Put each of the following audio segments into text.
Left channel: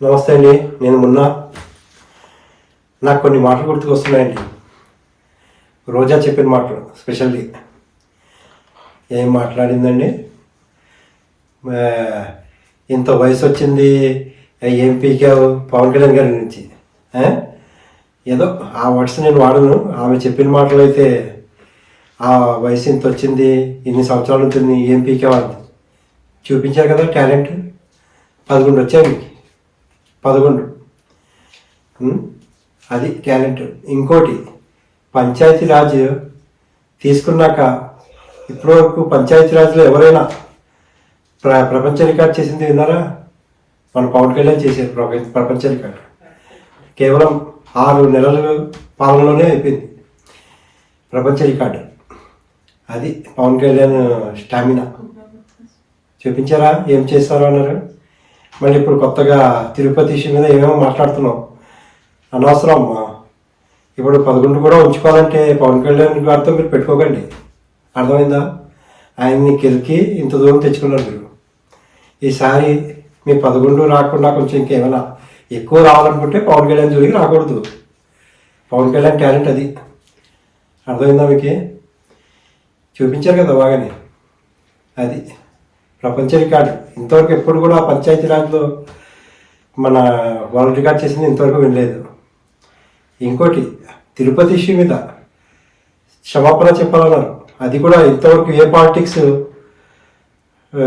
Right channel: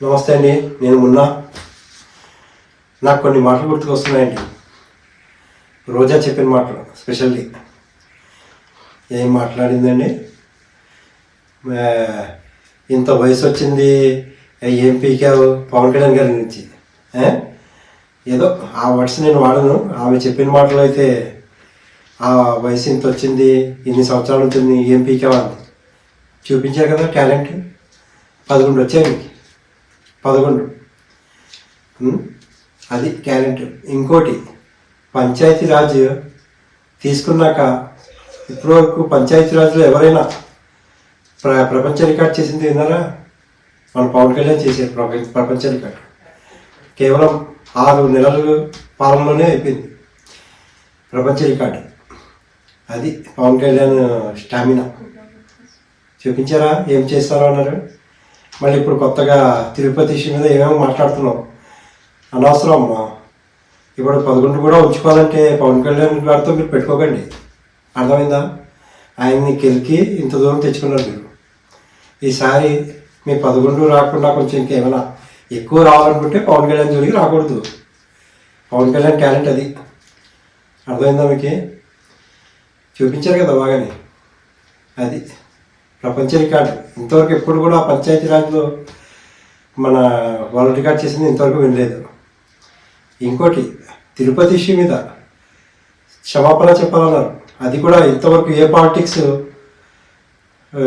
నమస్తే అండి, నేను నాకు కొన్ని మాటలు గుర్తుకొస్తున్నాయండి. రోజా చెప్పిన మాటలు స్పెషల్లీ ఏం మాట్లాడిందండి. ఇంత వయసు వచ్చింది, ఏం పీకావు పవన్ కళ్యాణ్ గారి నుంచి. ఏదో ఆ వర్డ్స్ నేను వాడను, ఆమె చెప్పిన మాటలు అయితే ఆ వయసు ఇంత వచ్చింది, ఇన్ని సంవత్సరాల ఉంటుంది, ఏం పీకావు అని చూపించారు కదా. టాలెంట్ 11 వచ్చాయి మీకు, 11. అది టాలెంట్. ఇంకోటి, పంచాయతీరాజ్ తీసుకున్నాక ఇప్పటివరకు పంచాయతీరాజ్లో ఎవరైనా ప్రపంచ రికార్డ్ చేసింది విన్నారా? మన పవన్ కళ్యాణ్ చేసే ప్రపంచ రికార్డు కేవలం 6 నెలల పాలనలోనే అయిపోయింది ప్రపంచ రికార్డు. అది పవన్ కళ్యాణ్ స్టామినా. చూపించారా ఏం చేస్తారో అన్నారు. మళ్ళీ ఇప్పుడు కొత్తగా తిరుపతి ఇష్యూ మీద ఏమేమో మాట్లాడుతున్నాం. అనవసరం అమ్మా. ఇప్పుడు 11 కూడా ఉంచుకోవాలంటే పవన్ కళ్యాణ్ గారితో మీరు పెట్టుకోకండి, అర్థమైందా? ఆయన్ని కెలికి ఇంత దూరం తెచ్చుకున్నారు మీరు. ఈసారి మీ 11 రాకుండా కొంచెం ఇంకేమైనా ఎక్కువ రావాలనుకుంటే పవన్ కళ్యాణ్ జోలికి రాకూడదు. పవన్ కళ్యాణ్ టాలెంట్ అది, అర్థమైందా మీకు? చూపించారు కదా బాగానే. అది ప్రపంచ రికార్డు. ఇంతవరకు ఎప్పుడు కూడా పంచాయతీరాజ్లో మన వాళ్ళు రికార్డ్ చేసింది ఇంతవరకు వినలేదు. ఇంకోటి, తిరుపతి ఇష్యూ మీద క్షమాపణ చెప్పాలన్నారు. అది కూడా ఇంతవరకు ఏ పాలిటిక్స్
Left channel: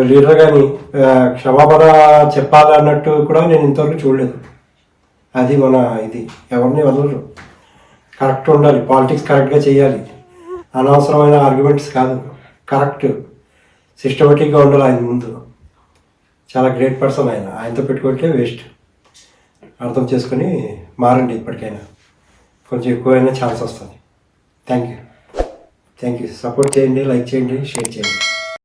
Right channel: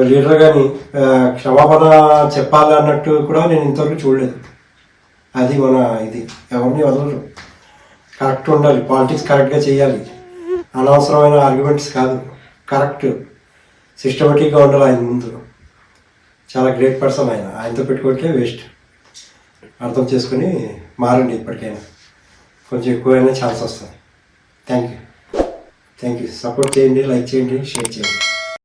లీడర్ కానీ క్షమాపణ చెప్పాలి అన్నట్టు కూడా నేను ఇంతవరకు చూడలేదు. అది మన ఇది ఎవరిని వదలరు. కరెక్ట్ ఉండాలి, పాలిటిక్స్ కరెక్ట్గా చేయాలి, అనవసరమైన ఆర్గ్యుమెంట్స్ కాదు, కరెక్ట్ సిస్టమేటిక్గా ఉండాలి. ఆయన ముందు చాలా గ్రేట్ పర్సన్ ఆయన. ఆయనతో పెట్టుకుంటే వేస్ట్. అర్థం చేసుకుని మారండి. ఇప్పటికైనా కొంచెం ఎక్కువైనా ఛాన్స్ వస్తుంది. Thank you. సపోర్ట్ చేయండి, లైక్ చేయండి, షేర్ చేయండి.